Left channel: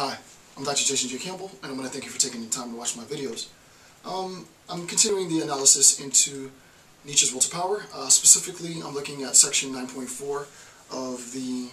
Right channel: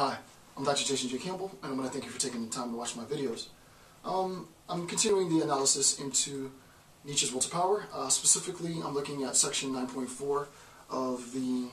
Hi, I'm Dr. Jason J. Campbell, and I want to thank you for taking the time to watch my videos. I'm continuing the analysis into Nietzsche's Will to Power. Specifically, I'm looking at section 9.4 of the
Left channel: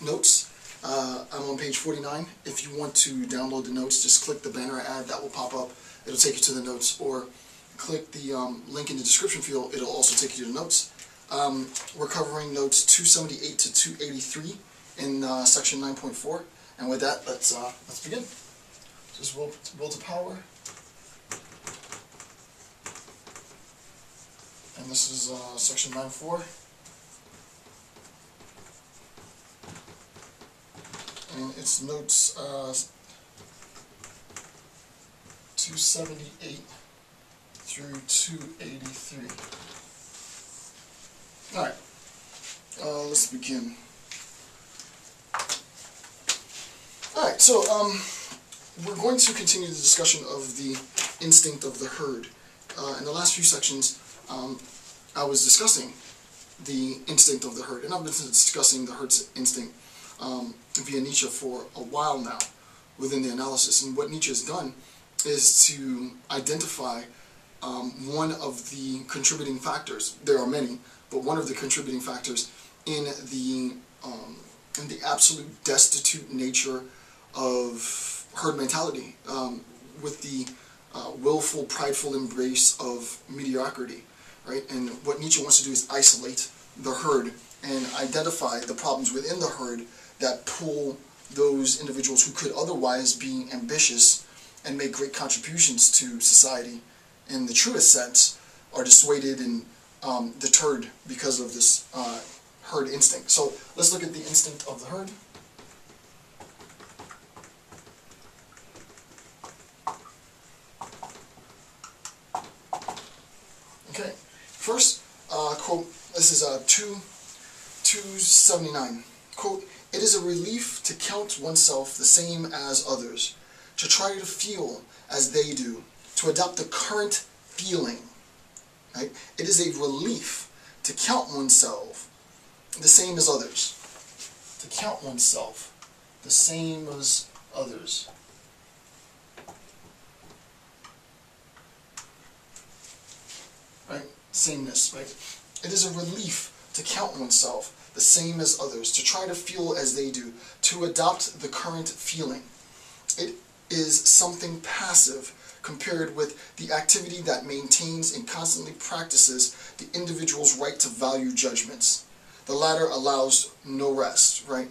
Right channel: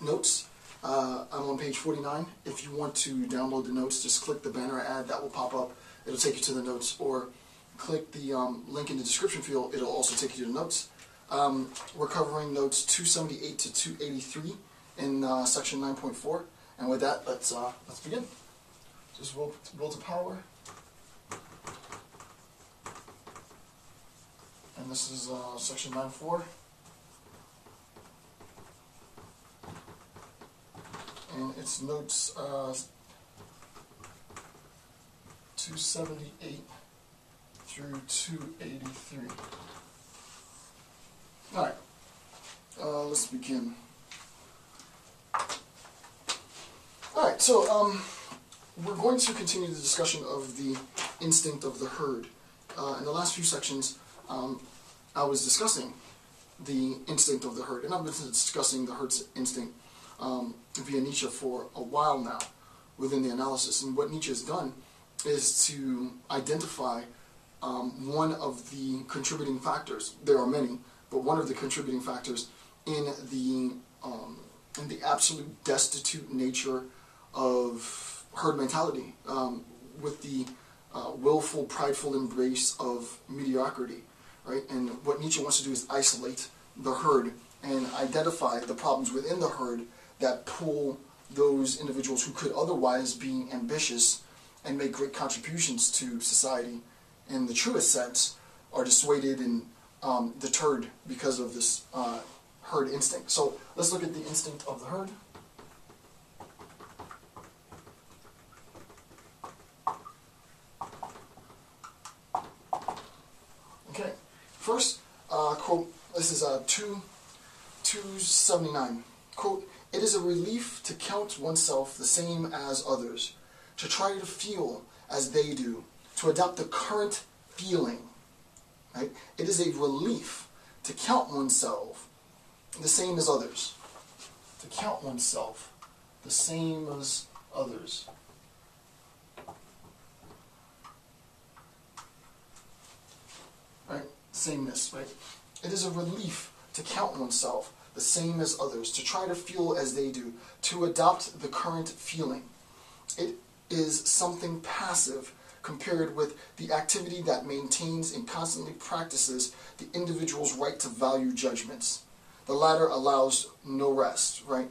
notes. I'm on page 49. If you want to download the notes, just click the banner ad that will pop up. It'll take you to the notes, or click the link in the description field. It'll also take you to the notes. We're covering notes 278 to 283 in section 9.4. And with that, let's begin. This is Will to Power. And this is section 9.4. And it's notes 278 through 283. Alright, let's begin. Alright, so we're going to continue the discussion of the instinct of the herd. In the last few sections, I was discussing the instinct of the herd, and I've been discussing the herd's instinct via Nietzsche for a while now within the analysis. And what Nietzsche has done is to identify one of the contributing factors. There are many, but one of the contributing factors in the absolute destitute nature of herd mentality, with the willful, prideful embrace of mediocrity, right? And what Nietzsche wants to do is isolate the herd and identify the problems within the herd that pull those individuals who could otherwise be ambitious and make great contributions to society in the truest sense are dissuaded and deterred because of this herd instinct. So let's look at the instinct of the herd. Okay, first quote, this is 279. Quote, "It is a relief to count oneself the same as others, to try to feel as they do, to adopt the current feeling." Right? It is a relief to count oneself the same as others. To count oneself the same as others. Right? Sameness, right? It is a relief to count oneself the same as others, to try to feel as they do, to adopt the current feeling. It is something passive compared with the activity that maintains and constantly practices the individual's right to value judgments. The latter allows no rest, right?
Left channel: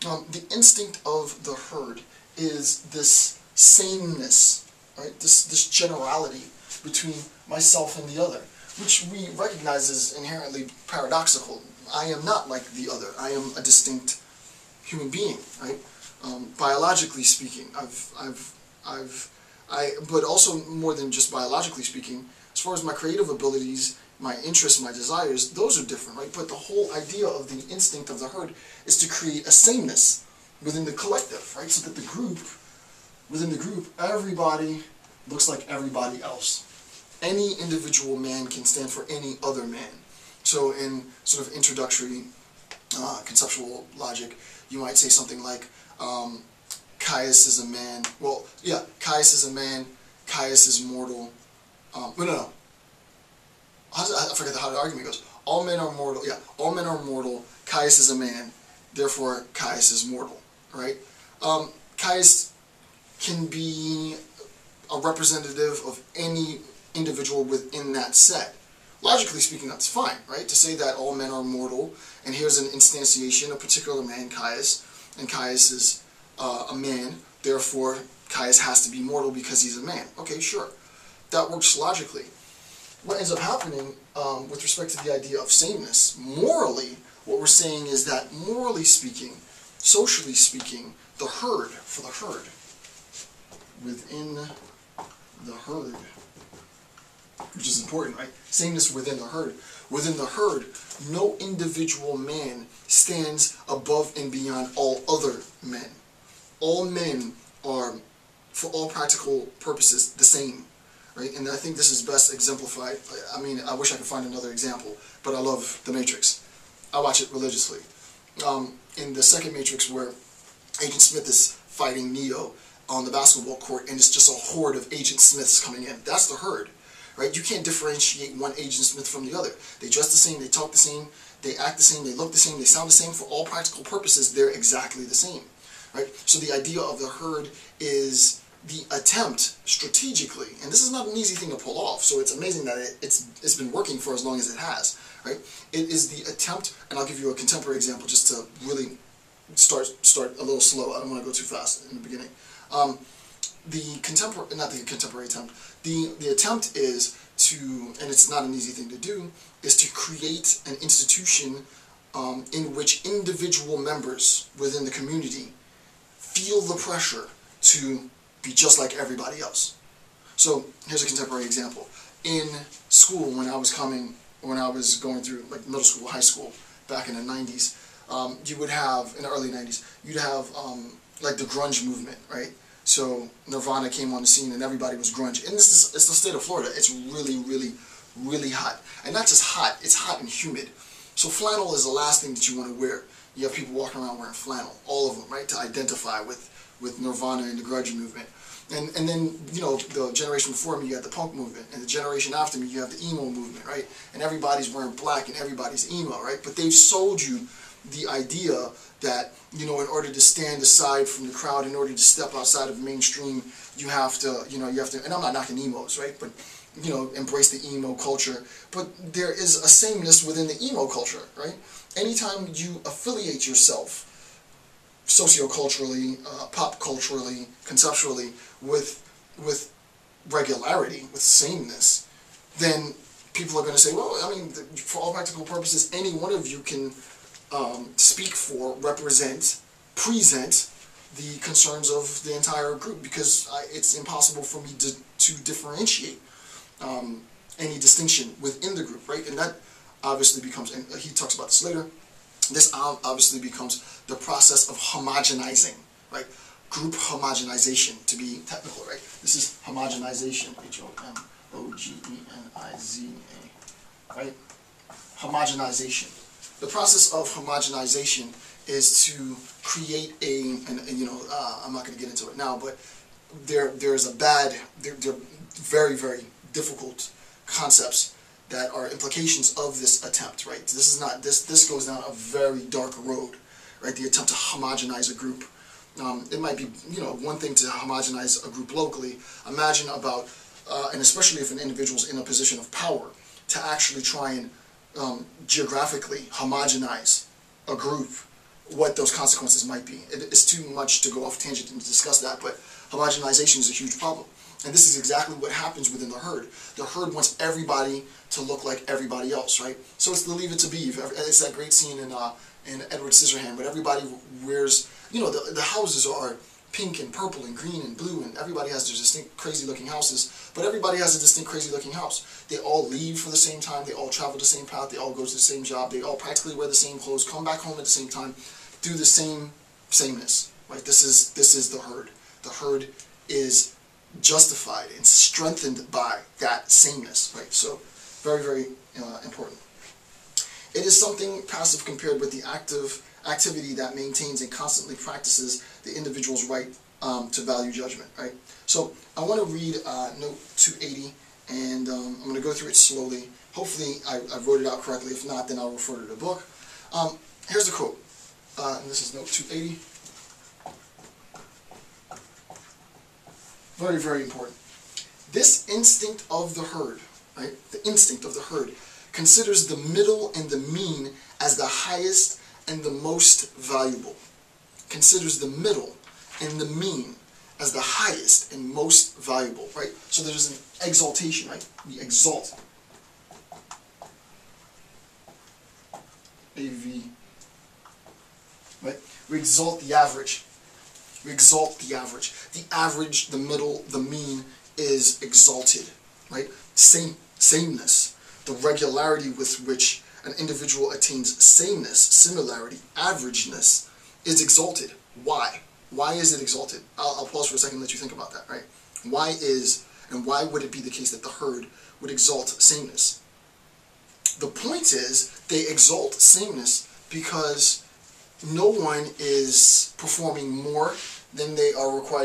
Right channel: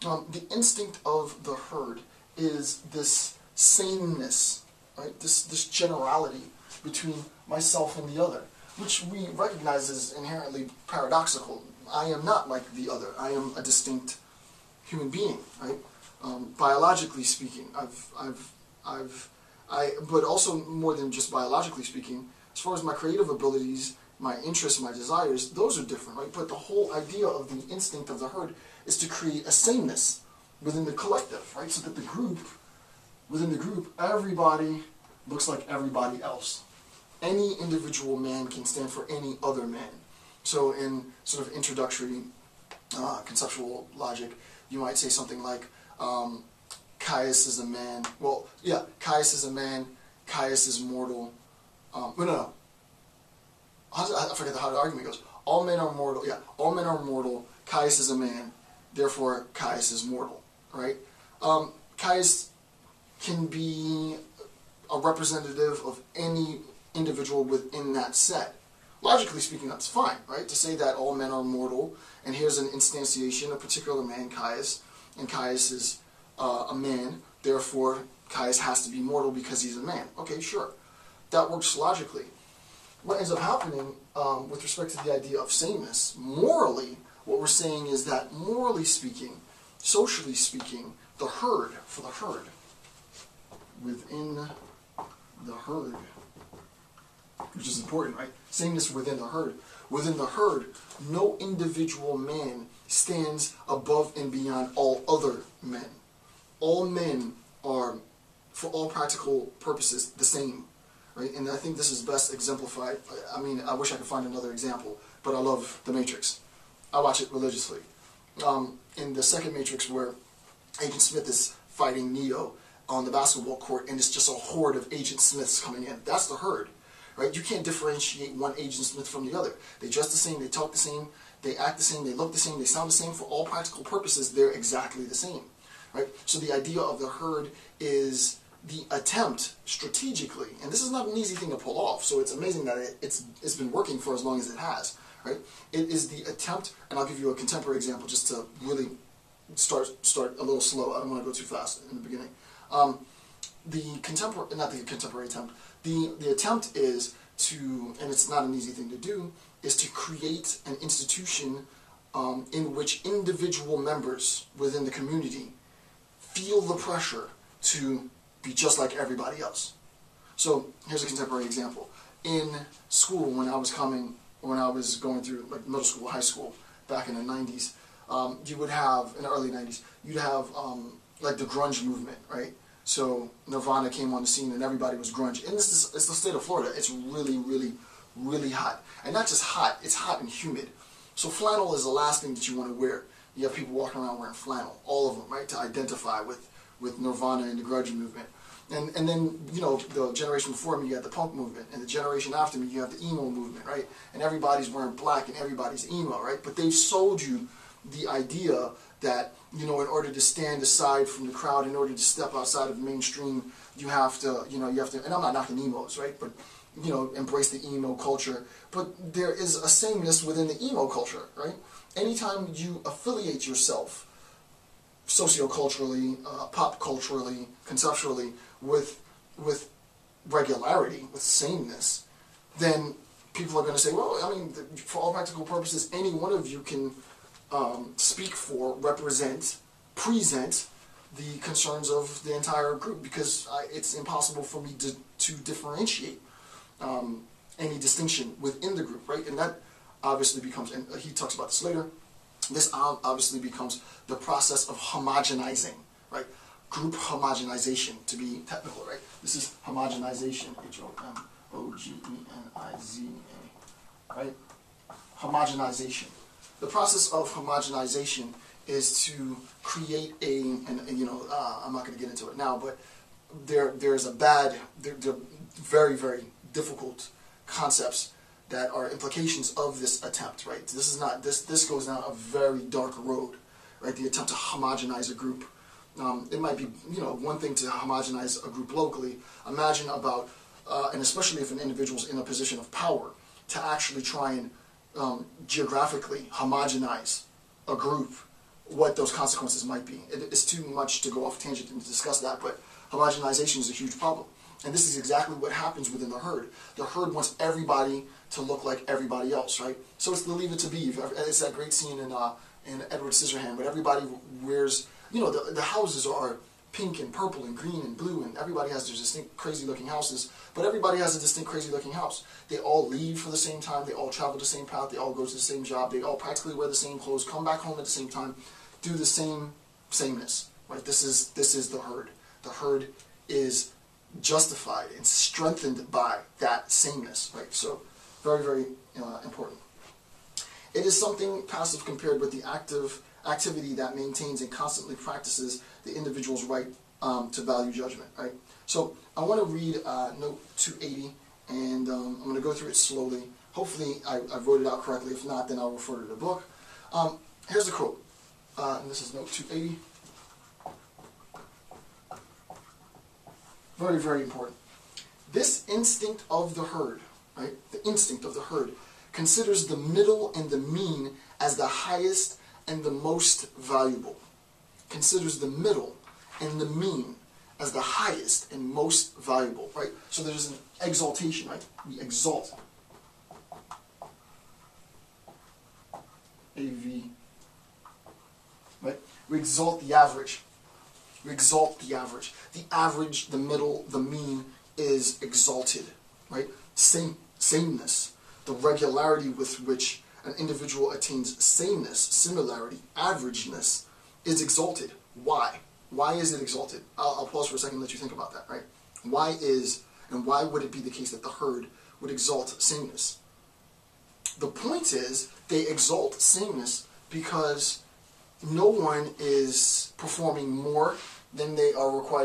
The instinct of the herd is this sameness, right? This generality between myself and the other, which we recognize as inherently paradoxical. I am not like the other. I am a distinct human being, right? Biologically speaking, but also more than just biologically speaking, as far as my creative abilities, my interests, my desires, those are different, right? But the whole idea of the instinct of the herd is to create a sameness within the collective, right? So that within the group, everybody looks like everybody else. Any individual man can stand for any other man. So in sort of introductory conceptual logic, you might say something like, Caius is a man. Well, yeah, Caius is a man. Caius is mortal. No. I forget how the argument goes. All men are mortal. Yeah, all men are mortal. Caius is a man. Therefore, Caius is mortal. Right? Caius can be a representative of any individual within that set. Logically speaking, that's fine, right? To say that all men are mortal, and here's an instantiation, a particular man, Caius, and Caius is a man, therefore Caius has to be mortal because he's a man. Okay, sure. That works logically. What ends up happening with respect to the idea of sameness, morally, what we're saying is that morally speaking, socially speaking, the herd, for the herd, within the herd, which is important, right? Sameness within the herd. Within the herd, no individual man stands above and beyond all other men. All men are, for all practical purposes, the same, right? And I think this is best exemplified. I mean, I wish I could find another example, but I love The Matrix. I watch it religiously. In the second Matrix, where Agent Smith is fighting Neo on the basketball court, and it's just a horde of Agent Smiths coming in. That's the herd, right? You can't differentiate one Agent Smith from the other. They dress the same, they talk the same, they act the same, they look the same, they sound the same. For all practical purposes, they're exactly the same, right? So the idea of the herd is the attempt strategically, and this is not an easy thing to pull off, so it's amazing that it's been working for as long as it has, right? It is the attempt, and I'll give you a contemporary example just to really start a little slow. I don't want to go too fast in the beginning. The attempt is to, and it's not an easy thing to do, is to create an institution in which individual members within the community feel the pressure to be just like everybody else. So here's a contemporary example. In school, when I was going through like middle school, high school, back in the 90s, you would have, in the early 90s, you'd have like the grunge movement, right? So Nirvana came on the scene and everybody was grunge. And it's the state of Florida. It's really, really, really hot. And not just hot, it's hot and humid. So flannel is the last thing that you want to wear. You have people walking around wearing flannel, all of them, right, to identify with Nirvana and the grunge movement. And then, you know, the generation before me, you had the punk movement. And the generation after me, you have the emo movement, right? And everybody's wearing black and everybody's emo, right? But they've sold you the idea that, you know, in order to stand aside from the crowd, in order to step outside of mainstream, you have to, and I'm not knocking emos, right? But, you know, embrace the emo culture. But there is a sameness within the emo culture, right? Anytime you affiliate yourself socioculturally, pop culturally, conceptually, with regularity, with sameness, then people are going to say, well, I mean, for all practical purposes, any one of you can speak for, represent, present the concerns of the entire group, because it's impossible for me to differentiate any distinction within the group, right? And that obviously becomes, and he talks about this later, this obviously becomes the process of homogenizing, right? Group homogenization, to be technical, right? This is homogenization, H-O-M-O-G-E-N-I-Z-A, right? Homogenization. The process of homogenization is to create I'm not going to get into it now, but they're very, very difficult concepts that are implications of this attempt, right? This is not, this goes down a very dark road, right? The attempt to homogenize a group. It might be, one thing to homogenize a group locally. Imagine about, and especially if an individual's in a position of power, to actually try and geographically homogenize a group, what those consequences might be. It's too much to go off tangent and discuss that, but homogenization is a huge problem. And this is exactly what happens within the herd. The herd wants everybody to look like everybody else, right? So it's the Leave It to Beaver. It's that great scene in Edward Scissorhands, but everybody wears, the houses are pink and purple and green and blue, and everybody has their distinct crazy looking houses, but everybody has a distinct crazy looking house. They all leave for the same time, they all travel the same path, they all go to the same job, they all practically wear the same clothes, come back home at the same time, do the sameness, right? This is the herd. The herd is justified and strengthened by that sameness, right? So very, very important. It is something passive compared with the active activity that maintains and constantly practices the individual's right to value judgment, right? So I want to read note 280, and I'm going to go through it slowly. Hopefully I wrote it out correctly. If not, then I'll refer to the book. Here's the quote, and this is note 280. Very, very important. This instinct of the herd, right? The instinct of the herd considers the middle and the mean as the highest and the most valuable. Considers the middle and the mean as the highest and most valuable, right? So there's an exaltation, right? We exalt. A-V, right? We exalt the average. We exalt the average. The average, the middle, the mean is exalted, right? Sameness, the regularity with which an individual attains sameness, similarity, averageness, is exalted. Why? Why is it exalted? I'll pause for a second and let you think about that, right? Why would it be the case that the herd would exalt sameness? The point is, they exalt sameness because no one is performing more then they are required